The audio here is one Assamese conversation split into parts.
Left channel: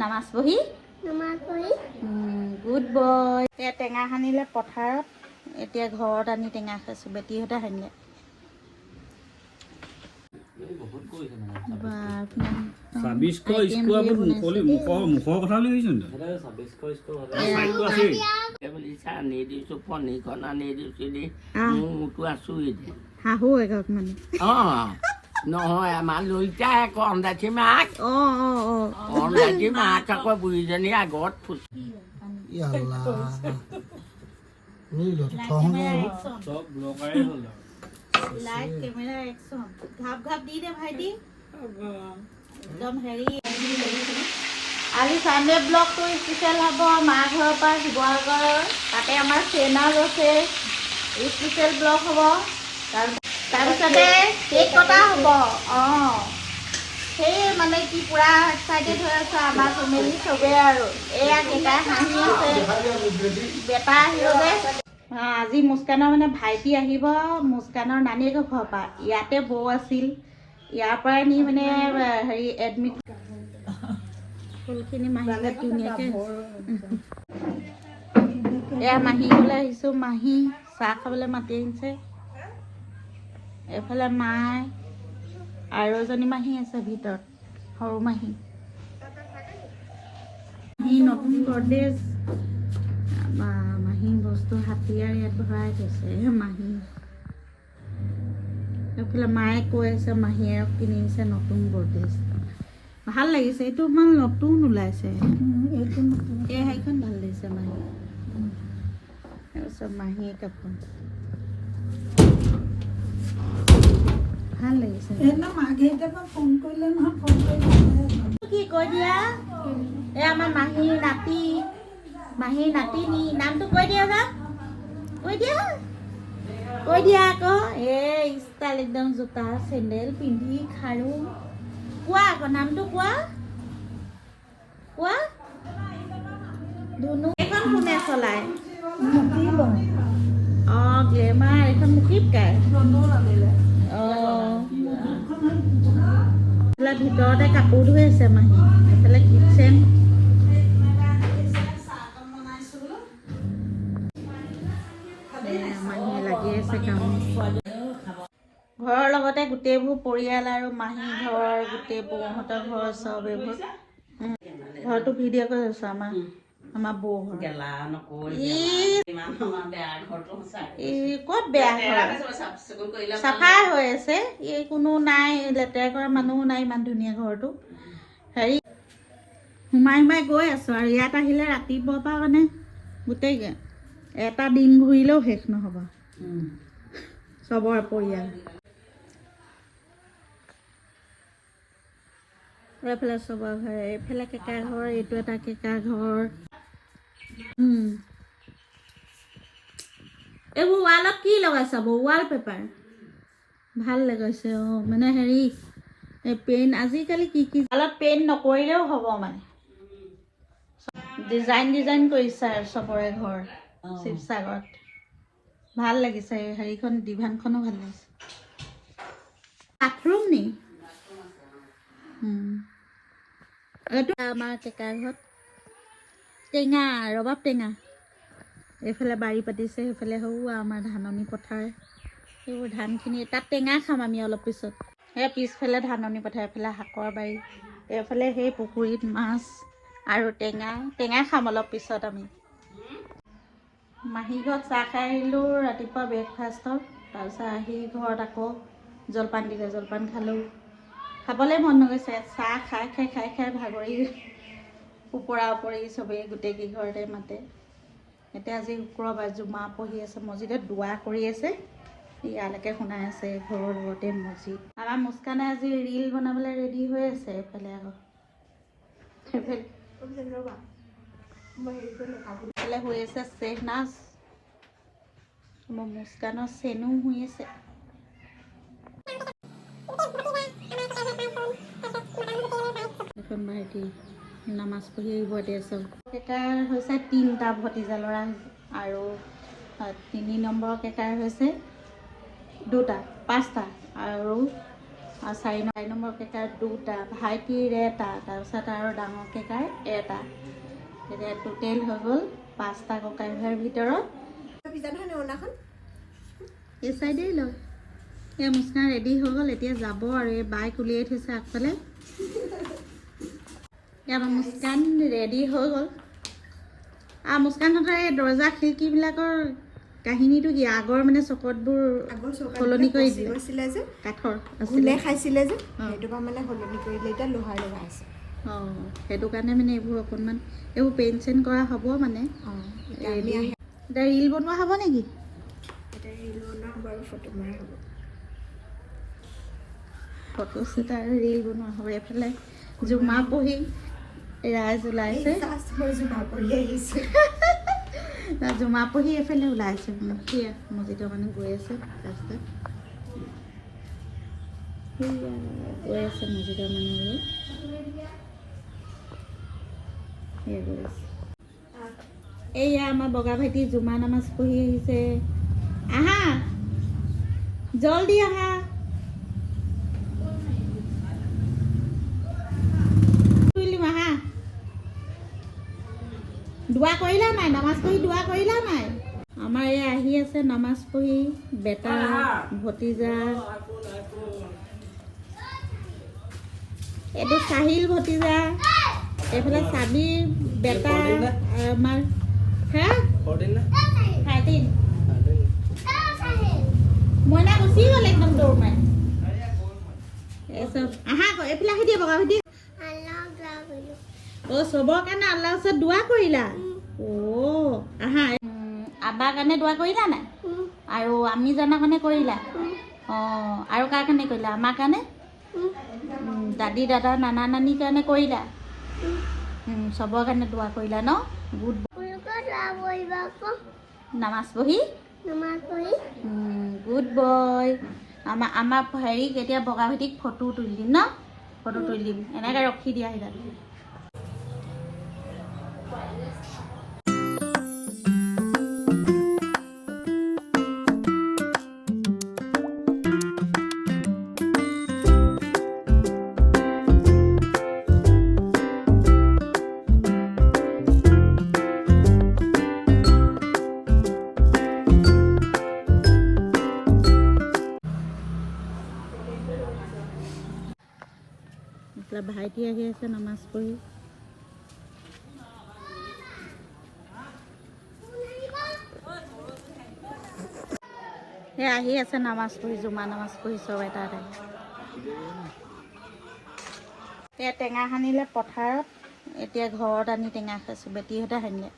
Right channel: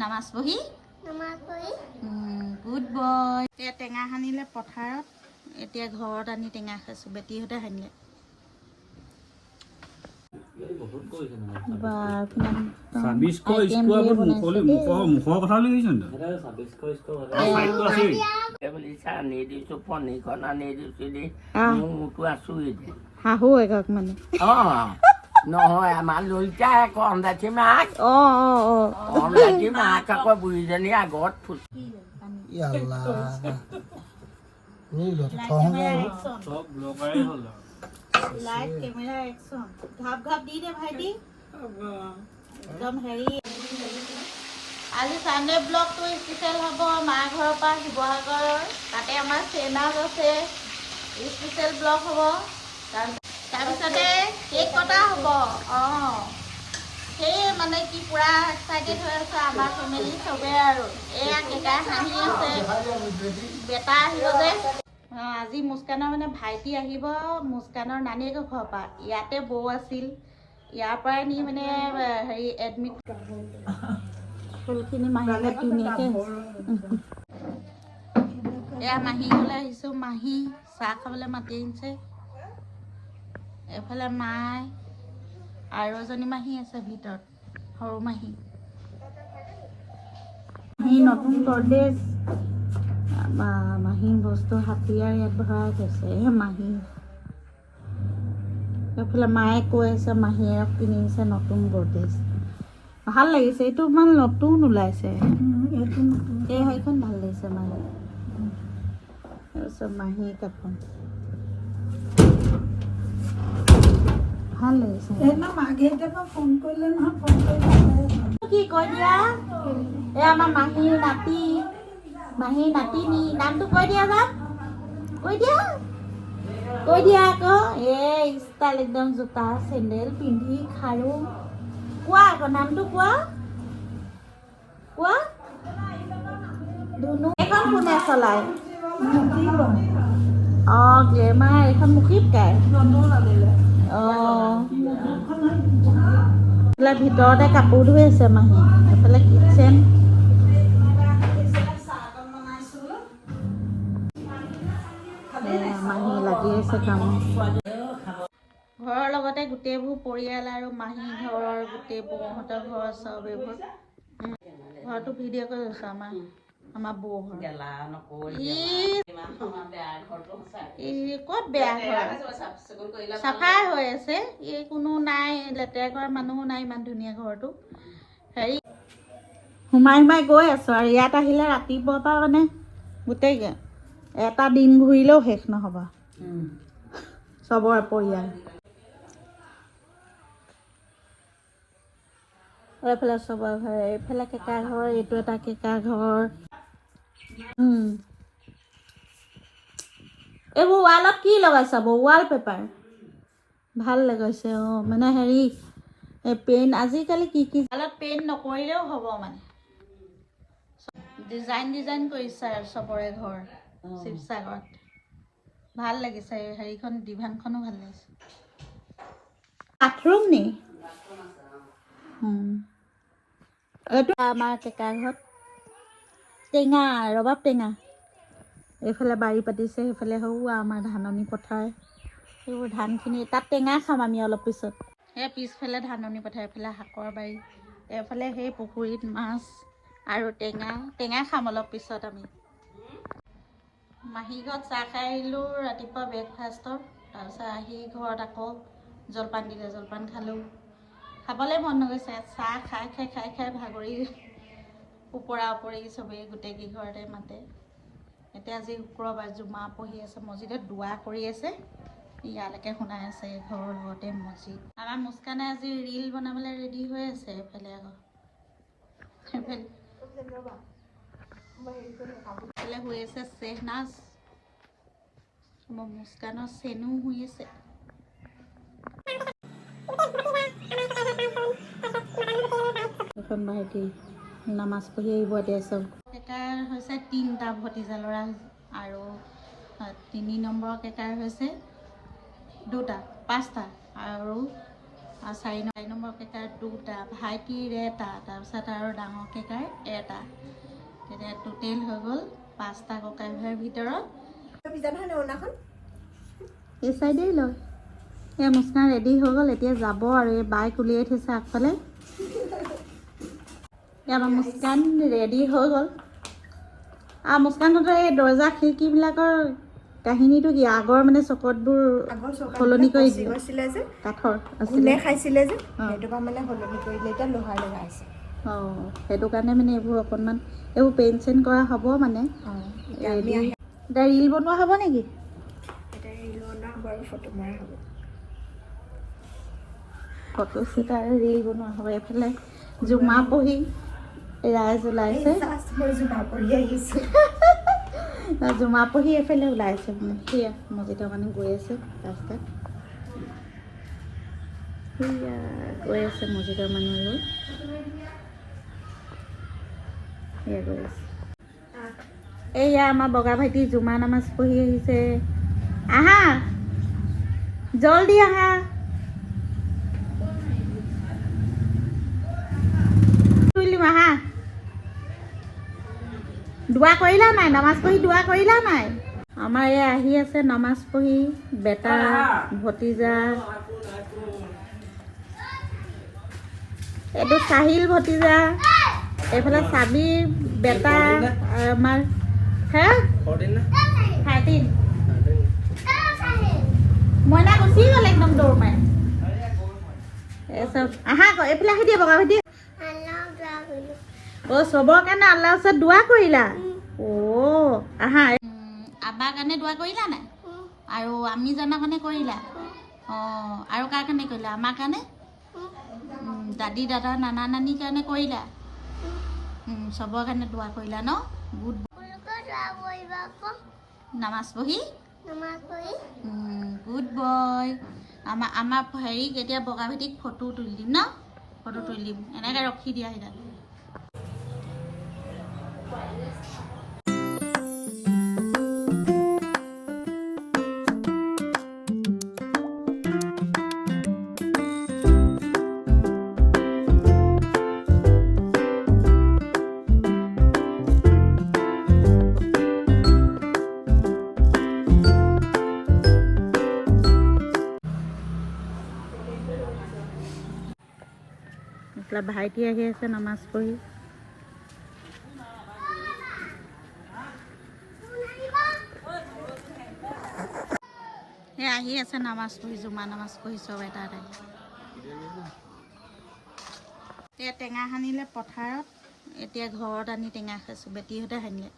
নামাজ পঢ়ি গুড বয়। এতিয়া টেঙা সানিলে পথাৰত, এতিয়া ঘৰত আনি টেঙা খাইছোঁ। বেটিহঁতে সানিলে। শাহু একক মানে নহয় আমাৰ ললিতা আকৌ অন্দাচী মাক অন্দাচী মাক আকৌ বুঢ়ীজনী আগত ফুল লাইট কেমেৰা একচন ঘাপ ঘাপ দি দে ভাইটি একদম হেৰি। আজি চানডে ব্লগটো স্পেচিয়েল হ'ব মা ঘৰৰ পৰা শিৱসাগৰ, তাতে আমাৰ চেনাল আছে, স্পেচিয়েল ব্লগ হ'ব। তাৰপিছতে কেক কটা হ'ব। সেই মানে কি পুৰা এক্সাইটেড হৈ আছে আমাৰ ফেমিলি চবেই আৰু। এয়া কেকাই হাঁহি আছে, বেটা আহিব যে। আজি মুস্কানৰ মানে ভাইটি আহিব, মুস্কানৰ নানীয়েকৰ ঘৰৰ পৰা। ইয়াতে বৌ আছিল, ইয়াৰ পৰাই নি মানে হেৰি এডমিট ফুলখিনি মাহীলৈ ধুনীয়াকৈ। এয়া মাহী ঘৰলৈ আহিছোঁ। মাহী চাহ খাবলৈ মাতি আনিছে। এইফালে মায়ে আৰু এজনী মাহী আছে ভিতৰত, সৰু মাহী। নতুন গডৰেজ মাহী বস্তু হাতীয়াৰ ইয়াত ভৰাই থৈছে মাহী। এইফালে মায়ে কৈ আছে মাহীয়ে কিনিছে নতুন গডৰেজ, ভাল লাগিছে। এইটো ইমান নতুন ওলাইছে, এই সেইখন ভাল লাগিছে মাহী। তাৰপিছত মাহী কাপোৰ ভাল লাগিছে। কি কৈ দিয়া এই আমাৰ মাহী নাতি, মাহী নাতিনী নামটো কৈ দিয়া যা, কৈ দিয়া আকৌ। এই ষ্টাইল একদম জোতা চেণ্ডেল পিন্ধি খাৰু। কোৱা আকৌ নামটো কোৱা ধুনু। এইখন কোনে চলায়? গ্লেমাৰ। এইখন মুখীত গায়। ভিতৰতে কাপোৰ ধুই আছে মাহী। এইফালে কিটচেন। মাহী লাগি আছে কামত। ঘৰৰ লগতে গোটেইবোৰ পৰিয়াল আৰু মাহী ঘৰ, গোটেই বৌহঁতৰ ঘৰ, চব এইবোৰ ঘৰটো ভিডিঅ' কৰি আছো। আমাৰ বৌ ঘৰ ক'ত বেয়া ঘৰ, চাফাই হৈ আছে। এই কোনো নাই, লেতেৰা কৰা মানুহো নাই। ইমান ধুনীয়া ঘৰটো। হেৰি সোমাই গৈ আছো আৰু ইয়াত আহিলে ৰাতিপুৱাৰ পৰা মানে গোটেই এটা দিন ঘূৰিলেও শেষ নহ'ব চবৰে পৰিয়াল। এইফালে চবৰ ঘৰ, এইফালে কেকা ঘৰ, এইটো এটা কেকা ঘৰ। এইবোৰ ৱালত কি লগাইছা বৌ? ৱাল পেপাৰ ভাল লগাইছে। মানে হেৰি পেইণ্ট আজিকালি কি ৱালত পেইণ্ট নকৰিলেও হ'ব, মানে ডিজাইন কৰিছে আৰু চবৰে ঘৰ শিৱসাগৰত। ভাল লাগিছে। হেৰিখন ডিভানখনো ভাল লাগিছে। বাথৰুম নি? এইটো আমাৰ কেকাৰ ঘৰত টেঙা, ৰবাব টেঙা। এইফালে বাৰী পাতিছে, সেইফালে আমাৰ ধাননি পথাৰ। সেইবোৰ ধানখিনি তাত টেঙা খাম আমি অলপ পিছত। সেই পিছফালে ধাননি পথাৰ, এইফালে শাকৰ বাৰী, এইফালে সেই পুখুৰীত মাছ আৰু টেঙা খাম অলপ পিছত আমি। মাহী ঘৰত চাহ খাই আহিলোঁ ৰাতিপুৱা ব্ৰেকফাষ্টৰ। তাৰপিছত আহি ঘৰত আকৌ জলপান দিলে, জলপান খালোঁ। খাবলৈ মন নগৈছে, চাহ খাই ভাগৰি ওপৰা ওপৰি চবেই গোটেই কেইঘৰতে মাতে। এতিয়া আজি শুক্ৰবাৰ, জুমা পঢ়ি আছে মছজিদত, দোৱা কৰি আছে। ইয়ালৈকে শুনাই আছে, ঘৰৰ লগতে মছজিদ। আমাৰ মুস্কানে আজি ৰীল বনাবলৈ ৰেডি হৈ আছে। এইফালে আকৌ এইফালে হৈ আছে চেহনাজ, মোৰ মুস্কানৰ চেনু হৈ আছে। এখন ভাইটি নামাজ পঢ়ি আহিব এতিয়া। চব কেকাৰ হৈছে 3টা ভতিজা ল'ৰা আৰু 3 নম্বৰ কেকাৰ হৈছে 2টা, 5টা আৰু আৰু 4 নম্বৰ কেকাৰ 2টা, ভাইটিৰ 1টা, তাৰপিছত আৰু ডাঙৰ কেকাৰ 1টা। তেতিয়া টোটেল হৈ গ'ল 5টা ককাই ভাইৰ ভিতৰত। এই চাইডেই লয়। এই মুস্কান ৰেডি হৈ গ'ল, এতিয়া যাব আৰু এই বাইক উলিয়াই থৈছে আগফালে। আমাৰ মুস্কান ৰেডি হৈ গ'ল। আৰু মুস্কানহঁতৰ এই দৰ্জা খিৰিকীবিলাকৰ কাহিনীটো কি? আগৰ মানে চকতবোৰ সলনি কৰি গৈছিলে যে কাঠৰ ঘূনে খাইছিলে যে সেইটো পৰা মানে সলনি কৰিলে, এতিয়া লোহাৰ লগাইছে। অঁ, সেইটো কাৰণে মানে এইবোৰ অকণমান এইবোৰ পেইণ্ট চেইণ্ট কৰা হ'ব মানে। এতিয়া ৰিল বনোৱা হ'ব নেকি? এতিয়া ৰিল বনোৱা হ'ব আৰু ফটো মৰা হ'ব। ফটো শ্বুট আৰু ৰিল বনোৱা হ'ব। এইফালে জুমা পঢ়ি ৰাইজ ওলাইছে। জুমা পঢ়ি এইফালে ওলাইছে মানে সেয়া মজিদৰ মানুহ গৈ আছে ৰাস্তাত। সেয়া গৈ আছে মজিদৰ মানুহবোৰ, সেয়া গৈ আছে। এইয়া আমাৰ বগা ভাইটি জুমা নামাজ পঢ়ি আহিছে। আহা জলদি আহা। আহা, দোৱা কৰিলা নাই? নামাজ পঢ়ি দোৱা কৰিলা নাই? আমাৰ এই আহি আছে নামাজ পঢ়ি বেটা ভতিজা। এইটো চাহিল ভতিজা, এইফালে চাবিৰ বেটা আমাৰ মইনা গুচি গ'ল একদম দৌৰ মাৰি। এইচব আহা আকৌ এইফালে আহি দিয়া বগা ভাইটি। অ' চবৰ কাৰণে আল্লাহৰ ওচৰত দোৱা কৰিলা? অ' আহা। আবাৰ কাৰণে দোৱা কৰিলা নাই? আৰু আমি জনাৰ কাৰণে কৰিলা? অঁ, আৰু কাৰ কাৰণে কৰিলা? আমাৰ কাৰণে? দাদী দাদা নানা নানীৰ কাৰণে কৰিলা? চবৰ কাৰণে দোৱা কৰিলা ন? গুড। নামাজ পঢ়ি গুড বয়। আমাৰ হেৰিক এতিয়া বগা ভাইটিক ফটো তুলি দিম ন? ফটো তুলি দিম, এনেকৈ ৰখি দিয়া সেইডাল। ভাইটি আহি আছে নামাজ পঢ়ি। সেই আহি আছে নামাজ পঢ়ি, জুমা নামাজ পঢ়ি চব এটা এটা। এতিয়া টেঙা সানিলে পথাৰত, এতিয়া ঘৰত আনি টেঙা খাইছোঁ। বেটীহঁতে সানিলে।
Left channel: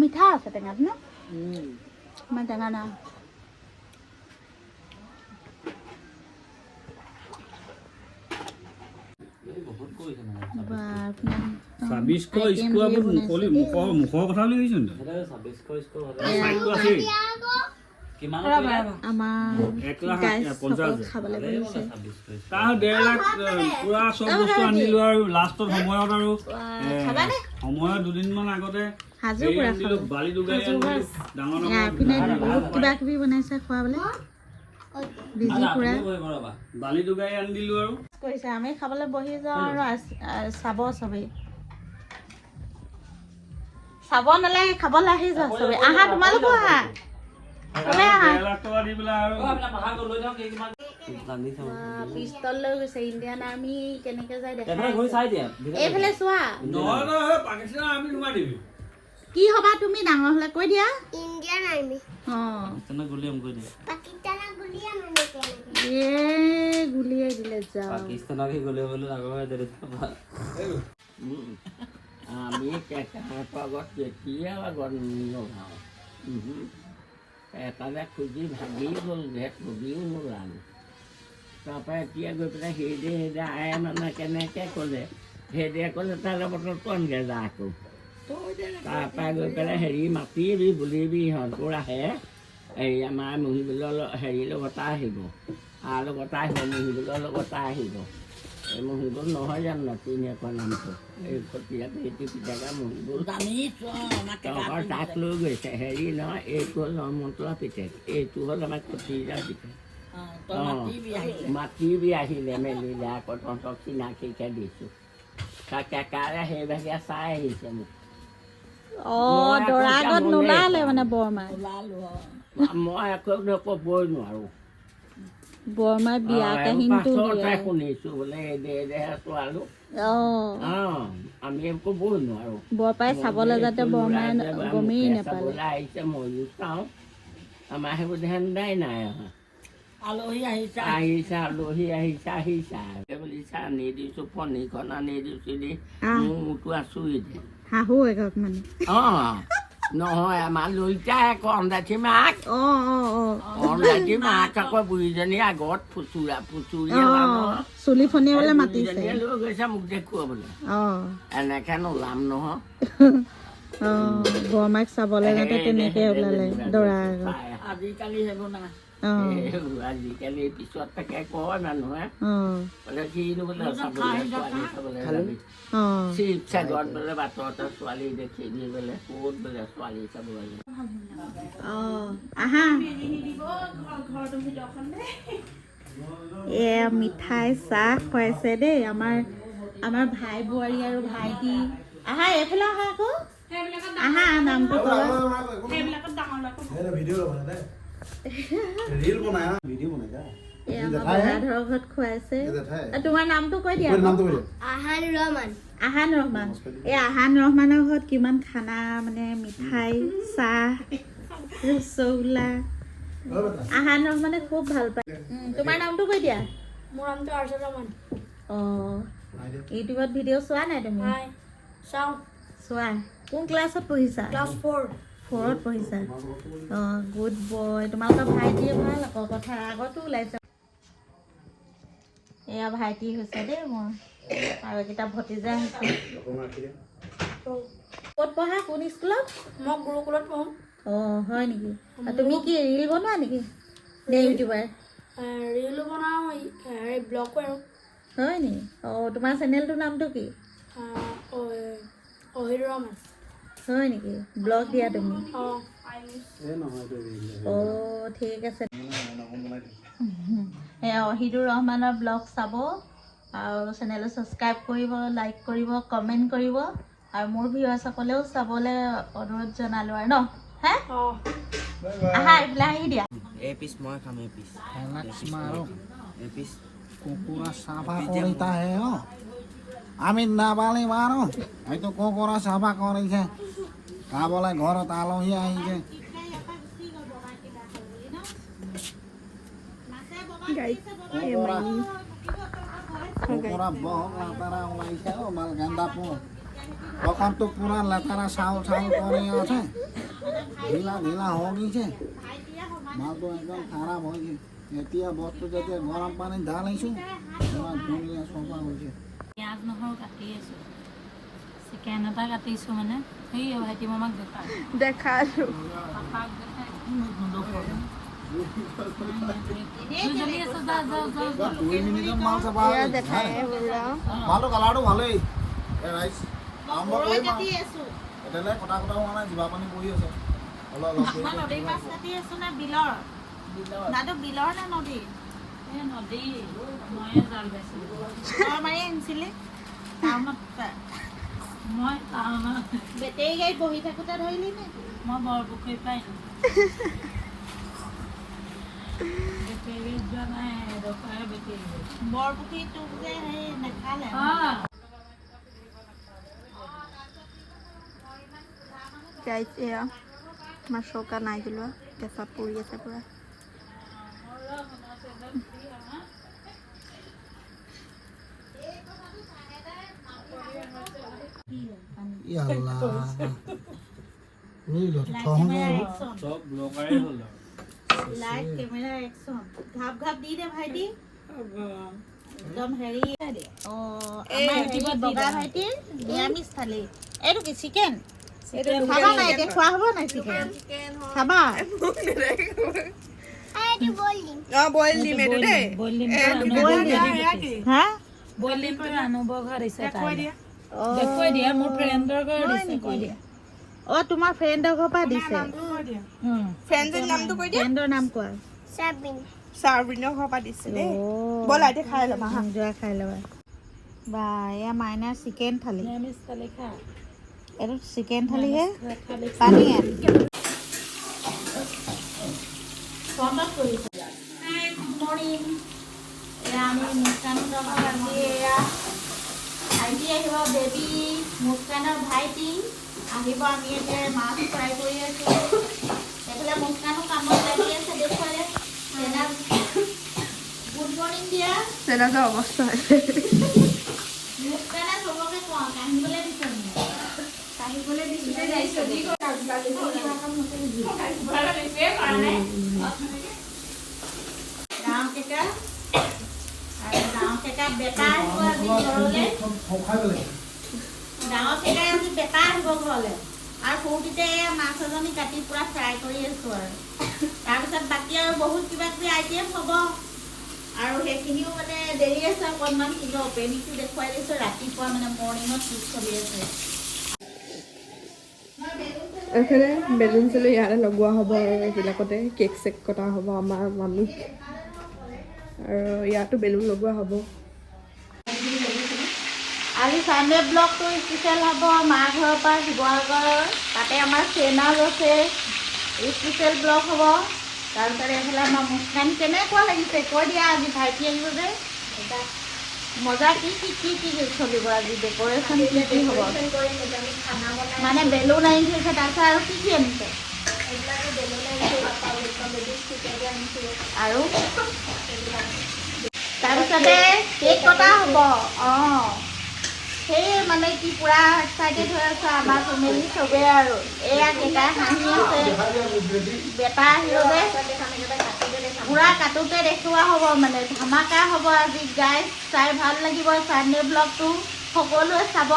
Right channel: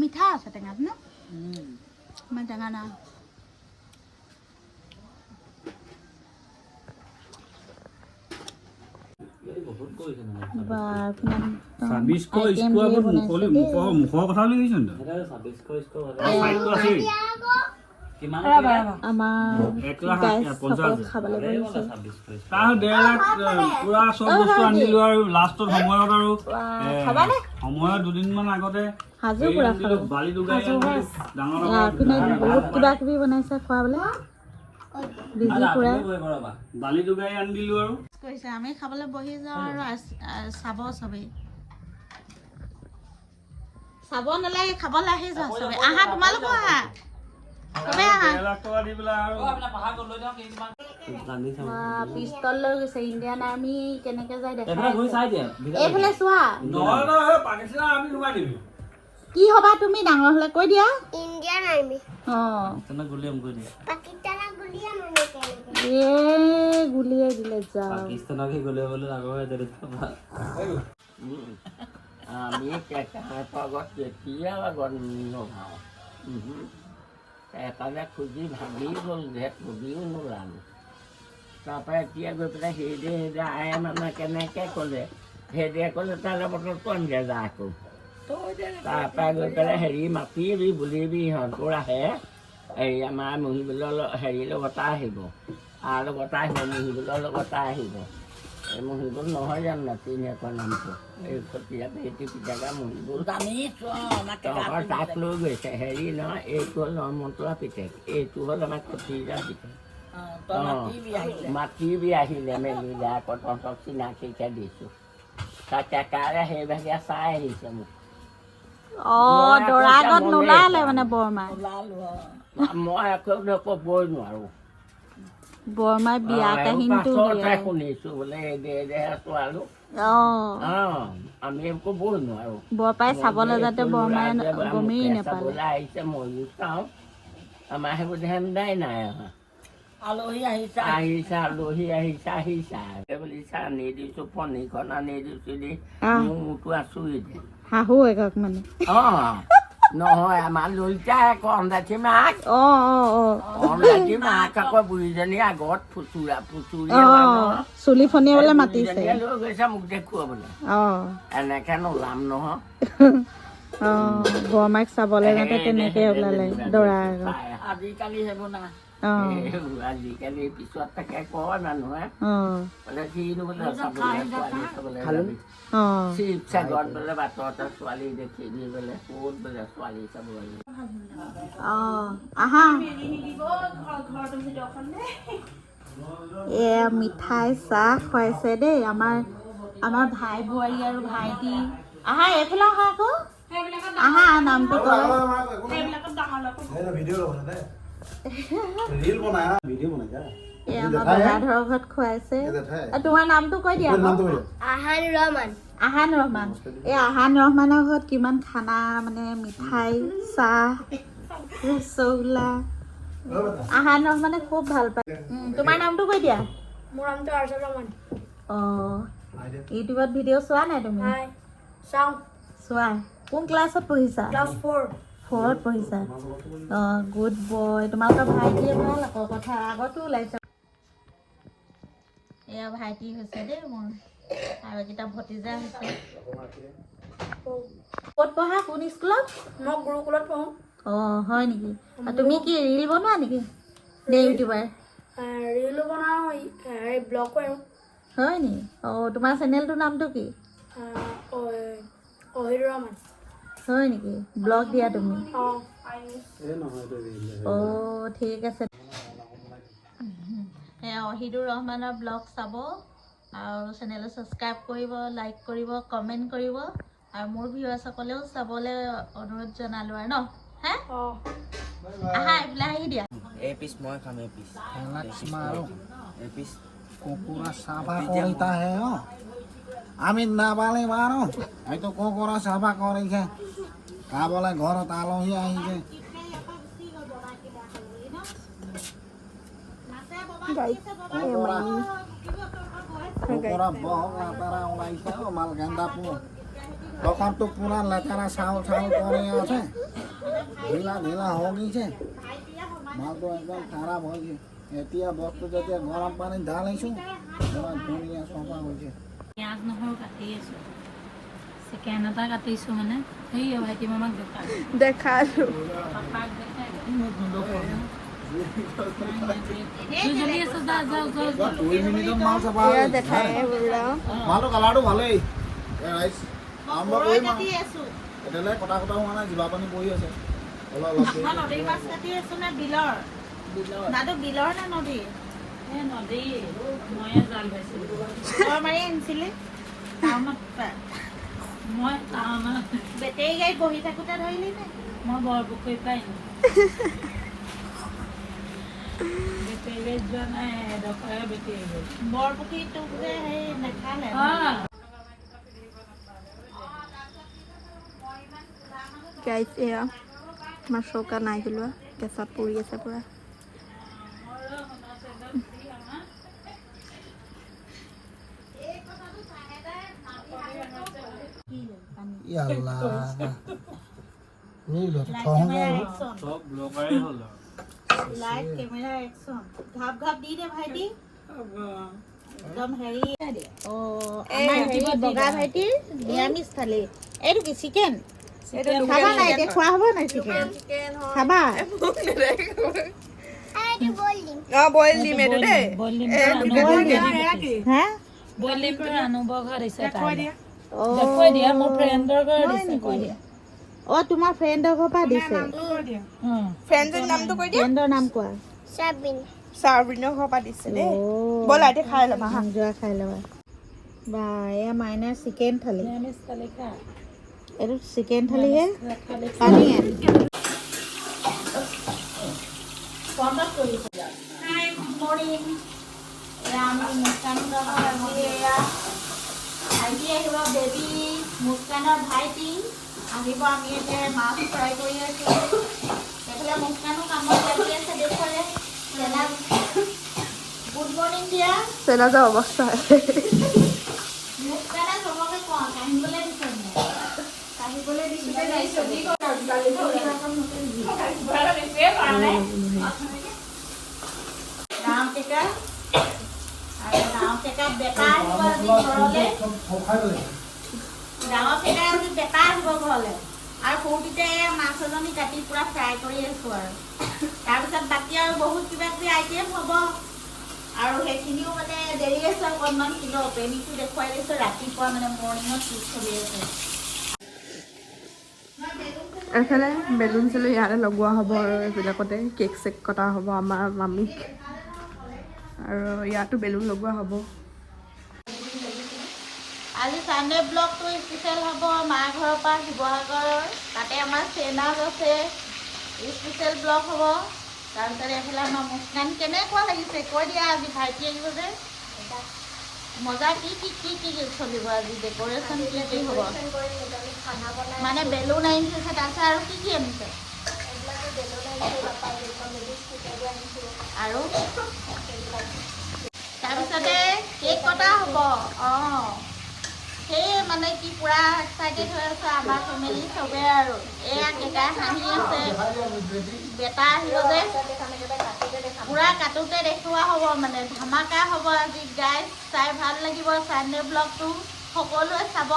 মিঠা আছে টেঙাটো ন? ইমান টেঙা না। দুদিনমান আগতে বহুত কিবা কিবি বনাইছে খোৱাবলে। বালি দুগাই আনি দিলো আৰু কৰিছে। আমি খাবলৈ বহি যাওঁ আৰু চাব চবেই। চাব নালাগে, খাবলৈ আহি যোৱা চবেই। আহা তোমালোকো আহা, চবেই আহা। পিস্তল লৈ গৈছে। ইণ্ডিয়ান আৰ্মি কেনেকে যায় দেখা। এইফালে চোৱা। কি হবা তুমি ডাঙৰ হলে? কৈ দিয়া। Indian army. গুলিয়াই দিলে যাও। আমি আগত কেতিয়া লগত নভাও এটালে খুজি ভাগি গ'ল যে খুজিও নোলালো। তাৰপৰা এতিয়া গৈ পেলাই সেইদে আই মানে কেনেকৈ ক'লে, সেইদে ক'লে তালৈ বটলটো আনগে যা আকৌ। তাৰপৰা গৈ পেলাই হেৰি মাতিবি বুলিবি, সিহঁতৰ আহে হেৰি আমাৰ মহিবলৰ হেৰি লগতে আহিব, লগতে আহিব, মহিবলৰ লগতে আহিব। এই মহিবুল নহয় জানো নাতিনীয়েকৰ নামটো এই খতীয়া পেটি পিতাকা মহিবুল তহঁতৰ তাক লৈ গৈছে হেৰি নহয় এইটো হ'ল নৰ্মন্তুৱা পিতেক এইটো হ'ল আমাৰ খতীয়া পিতেক মাটি বি আহিলে মেলিলে আকৌ তহঁতক চিনাকিকে দিছোঁ তাক কেকাৰে সেইভাগে চাই আহিছে মোক দৰা আগত নোলালে মানে বৰমাই মই একো ক'বই নোৱাৰোঁ বৰমাই বিয়া কাহিনীটো পাছতহে শুনিছোঁ বোলে দেহে ছোৱালী আমি ক'বই নোৱাৰোঁ বৰপাই চাবলৈ যাতে বৰমাই গমেই নাপালে চাবলৈ আহিছে ময়ো চাওঁ আমাৰ সেইবোৰ ধান্দাই নাই অহা আলহী আহিছা বুলি চাহ আনি দিছোঁ পনীৰখন আনি দিছোঁ দি মোৰতো আছোঁই দে শাহু একক মানে নহয় আমাৰ লইতাই আকৌ অন্দাঠি মাক অন্দাঠি মাক আকৌ বুঢ়ীজনী আগত চুলি ফনিয়াবলৈ মাতিছে লৈ গৈছে মোক দেখুৱাবলৈ এনেকে নোলাম নহয় বৰমাইক চাবলৈ যাতে তেনেকে ওলালে দৰা আজিকালি সেইবোৰ না আজিকালি পিছত তাকে কয় মানুহে বোলে কিনো বোলে চাবলৈ ছোৱালী চাবলৈ যাবি শিৱসাগৰত বোলে বাটতে ছোৱালী দেখি দি বোলে ক'ত বোলে ছোৱালী চাবলৈ আহা এয়া মিঠাই চাহ খুৱাইছে দেই আমাৰ ভাই বোৱাৰী আৰু ভাইটি আহা এইফালে আহা আকৌ আহা নামটো তোমাৰ নামটো কৈ দিয়া আহান ৰহমান এই আহান ৰহমানৰ ঘৰত কিমান খানা মানে মিঠাই চাহ ৰসগোল্লা আহান ৰহমানে খুব ভাল পায় তোমাৰ নামটো কৈ দিয়া মোৰ নামটো আৰ্চা ৰহমান ইউটিউবত ভিডিঅ' চোৱা নাই তুমি চাওঁ চোৱা কোন ক্লাছত পঢ়িছা ক্লাছ 4ত পঢ়িছা গুড বয় তোমালোকৰ ভাইটিয়ে ভাল আকৌ কথা আগতো ওলাইছে এয়া ভাইটি হৈছে দেই মোৰ আৰু এইকেইটা ভতিজা হৈছে ক'ত পঢ়া কোন স্কুলত মই গুৰুকুলত পঢ়োঁ হয় নেকি তুমি কি ৰিল বনোৱা নেকি ইউটিউবাৰ ৰিলো বনাওঁ ব্লগ কৰোঁ হয় নেকি তোমাৰ চেনেলটোৰ নামটো কি অহিৰ ৰহমান হয় নেকি ব্লগ দিয়া তুমি ঠিক আছে অহিদুৰ ৰহমানৰ ব্লগ চাব আৰু চেনেলটো ছাবস্ক্ৰাইব কৰিব লাইক কৰিব কমেণ্ট কৰিব আৰু মোৰ ভিউৱাৰ্ছসকলেও চাবলৈ অনুৰোধ জনালোঁ আৰু ন হে আহা এইফালে আহি দিয়া এই পিছ মই খাম এই পিছ এই পিছ কুকুৰা চাফা কৰিতা হে আমি নাপালে বাৰু এইটো কুকুৰা চাফা কৰিছে খাবলৈ ঘৰত আলহী আহিছে কুকুৰা বহুত লেতেৰা ওলাইছে মাল গেন্দাপুৰ দোকানটো পুৰা লেতেৰা চাউল কৰি আছে ঢিলা হৈ গৈছে মালটো একদম খাৰাপ হৈছে এতিয়া বস্তু যেতিয়া গৰম পানীত ঢালিছোঁ ইমান ধুনীয়া চফা হৈছে পিঁয়াজ নহৰু কাটি আছোঁ চিকেন এটা কাটিছোঁ মানে সেই ভাইটি মামাক দেখালোঁ পাপাক দেখাই মালটো কালাৰটো ভালেই কটা হোৱা নাই জীৱা পানী পৰি আছে নদীৰ মাছ কাটি আছোঁ নে বিলৰ বিলৰ নে নদীৰ নদী ময়ে জাল পাইছিলোঁ মাৰি আনিছিলি টাউনত মই টাউনত বেটেৰী গাড়ীত বহি থাকোঁতে ধৰিলি মই বৰপুখুৰীৰ পৰা বেটেৰী গাড়ীত যোৱা নাই এডোখৰে বেটেৰী গাড়ী বৰপুখুৰীটো বোলে সেই নেখালে গাইছ এয়া আমাৰ চৌকা নাই পেলোৱা কেঁচাত পৰি আছে পূৰা চব ব্লগাৰে হ'ল লাইট কেমেৰা একচন ঘাপ ঘাপ দি দে ভাইটি একদম হেৰি বগা ভাইটিৰ নিৰামিষ থালি এইটো কি চিকেন খাবা নাই এতিয়া খোৱা হ'ব নাই চিকেন খাবা বইল দিম এইটো দেই হা বলিটো আনুবৰ ঘৰ দিছে কৈ দিয়া মোৰ ফ্ৰেণ্ডৰ ঘৰ দিছে কৈ দিয়া অ তোমাৰ ফ্ৰেণ্ডৰ ঘৰৰ পৰা দিছে ফ্ৰেণ্ডৰ নামটো কৈ দিয়া ফ্ৰেণ্ডৰ নাম কোৱা চাৰ্বিনৰ ঘৰৰ পৰা দিছে দেই ব'লা এতিয়া খাই ল'বা হা যোৱা খাই ল'বা বা এয়া মাইনাৰ চিকেন থালি নিৰামিষ থালি খা এইটো চিকেন থালিহে পানী আমি মুস্কান গাঁৱত আজি এয়া ভাইটি আহিব বেবী মুস্কানৰ ভাইটি আহিব আমি এতিয়া মাছ ফ্ৰাই কৰি আছো এইফালে মুস্কানো কামত লাগি আছে দেখুৱালে গুড মৰ্ণিং দিয়া চেনাজৰ অৱস্থা মুস্কানে চবকে কোৱা কাহিবলৈ দিছে কাহিবলৈ দিছিলে গাঁও কেইটা আৰু গাঁও কেইটা বেটা আহিব আজি ঘৰলৈ ডাঙৰ কেইটা আজি বেটা আহিব ঘৰলৈ আৰু সৰুকেইটা এয়া মাছ এজনী কাটি পুৰা ফ্ৰাই কৰি আছো আৰু তাৰপিছত বাকী আৰু বহুত কিবা কিবি আইটেম হ'ব আৰু সেইখিনিও মানে দেৰি আছে অকণমান কিন্তু অপেনিংটো দেখুৱাই দিছোঁ ৰাতিপুৱা মানে মৰ্ণিঙত কি চলি আছে এইফালে বেলুন চেলুন ইয়াতে লগোৱা হ'ব আৰু এইবিলাকতে কেক চেক কটা হ'ব আমাৰ মামীক আৰু ইয়াতো বেলুন লগোৱা হ'ব আজি চানডে ব্লগটো স্পেচিয়েল হ'ব মাৰ ঘৰৰ পৰা শিৱসাগৰ তাতে আমাৰ চেনাল আছে স্পেচিয়েল ব্লগ হ'ব তাৰপিছত এইফালে আমাৰ মুস্কান কেনেকুৱা লাগিছে কৈ দিয়া আজি ভাইটি আহিব যে মজা কি চলিব আজি ডেক'ৰেশ্যন কি হ'ব মানে বেলুন আনিছে তাৰপিছত আৰু কি আনিছে আৰু তাৰপিছতে কেক কটা হ'ব অঁ সেই মানে কি পুৰা এক্সাইটেড হৈ আছে আমাৰ ফেমিলি চবেই আৰু এয়া কেইটাই হাঁহি আছে বেটা আহিব যে পুৰা কাটোতে দেখুওৱা হ'ব মানে ধামাকা হ'ব আজি গাইজ চাই ভাল লাগিব চানডে ব্লগটো সকলোৱে চাব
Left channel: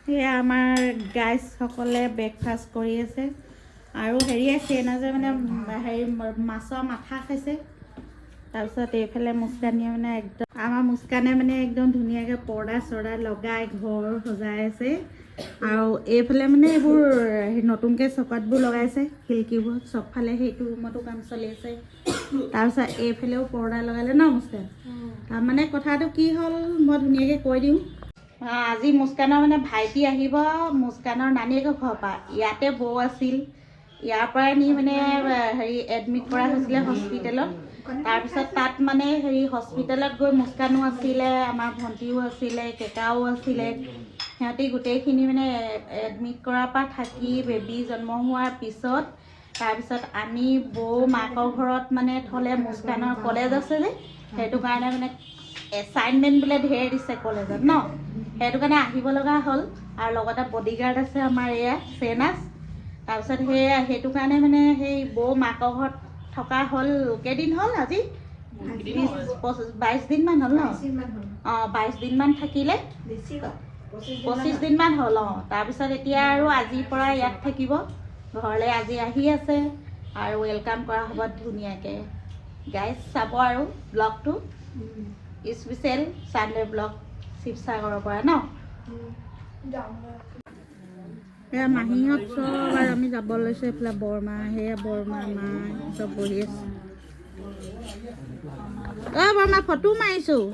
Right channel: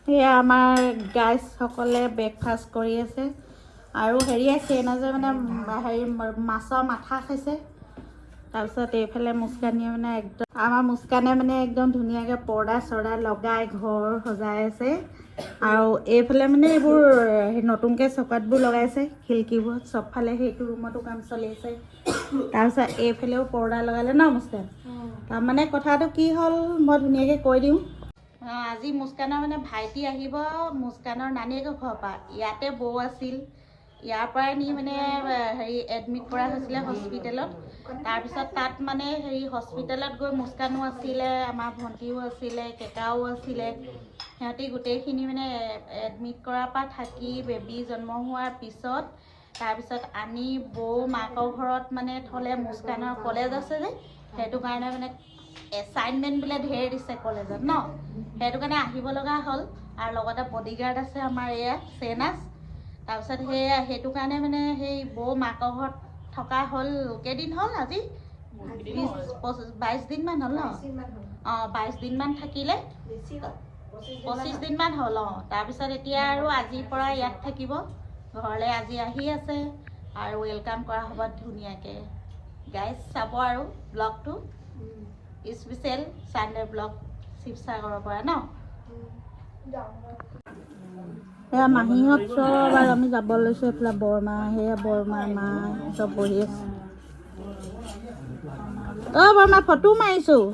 সেয়া আমাৰ গাইজসকলে ব্ৰেকফাষ্ট কৰি আছে আৰু হেৰি আছে যে মানে হেৰি মাছৰ মাথা খাইছে তাৰপিছত এইফালে মুস্কানীয়ে মানে একদম আমাৰ মুস্কানে মানে একদম ধুনীয়াকৈ পৰ্দা চৰ্দা লগাই ঘৰ সজাই আছে আৰু এইফালে মানে এইবোৰ নতুনকৈ চকাতবোৰ লগাইছে খিৰিকীবোৰত চবফালে সেইটো ৰুমতো কাম চলি আছে তাৰপিছত এইফালেও পৰ্দা লগালে ন মুস্কান তাৰমানে কথাটো কি হ'ল মই ধুনীয়াকৈ কৈ দিওঁ আজি মুস্কানৰ মানে ভাইটি আহিব মুস্কানৰ নানীয়েকৰ ঘৰৰ পৰা ইয়াতে বৌ আছিল ইয়াৰ পৰাই নি মানে হেৰি এডমিট কৰা হৈছিলে হস্পিটেলত তাৰপিছত তাত মানে হেৰি হস্পিটেলত গৈ মুস্কানো আছিলে আমাৰ ভণ্টিও আছিলে কেকাও আছিলে সিহঁতি গোটেইখিনি মানে এডমিট কৰাৰ পৰা থাকি বেবী জন্ম হোৱাৰ পিছত তাৰপিছত আনি বৌ মাকৰ ঘৰত মানে থ'লে মুস্কানৰ কলেজ আছে যে সেইটো কাৰণে মানে এছাইনমেণ্ট বোলে ধেৰ দিছে কলেজত ন সেইটো কাৰণে আহিব লগা হ'ল আৰু লগতে বডিগাৰ্ড আছে আমাৰ এয়া চেনাছ তাৰপিছত সেইটো কাৰণে মানে সেই বৌ মাকৰ ঘৰত থকা হ'ল কেইদিন হ'ল আজি 22 দিনমান হ'ল ন অঁ 22 দিনমান থাকিলে 25 দিনমান হ'ল অঁ তাৰপিছত এতিয়া আৰু আজিৰ পৰা ইয়াত থাকিব ঘৰলৈ আজি আহি আছে আৰু ৱেলকাম কৰা হ'ব ধুনীয়াকৈ গাইজ চাব আৰু ব্লগটো স্পেচিয়েল চানডে ব্লগ শিৱসাগৰৰ পৰা ন সেয়া মাহীহঁত চব আৰু আমি যাব লৈছোঁ এইফালে বৰমা সেয়া বৰমা মা চব বহি আছে অঁ বৰমা ফটো মাৰিছোঁ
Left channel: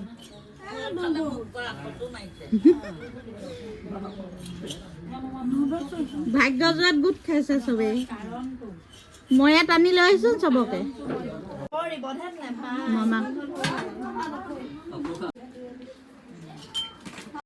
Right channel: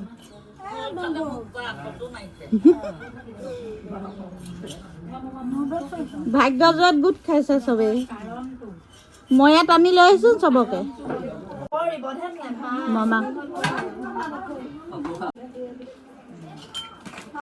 ভাগ্যজত গোট খাইছে চবেই মই ইয়াত আনি লৈ আহিছোঁ চবকে মামা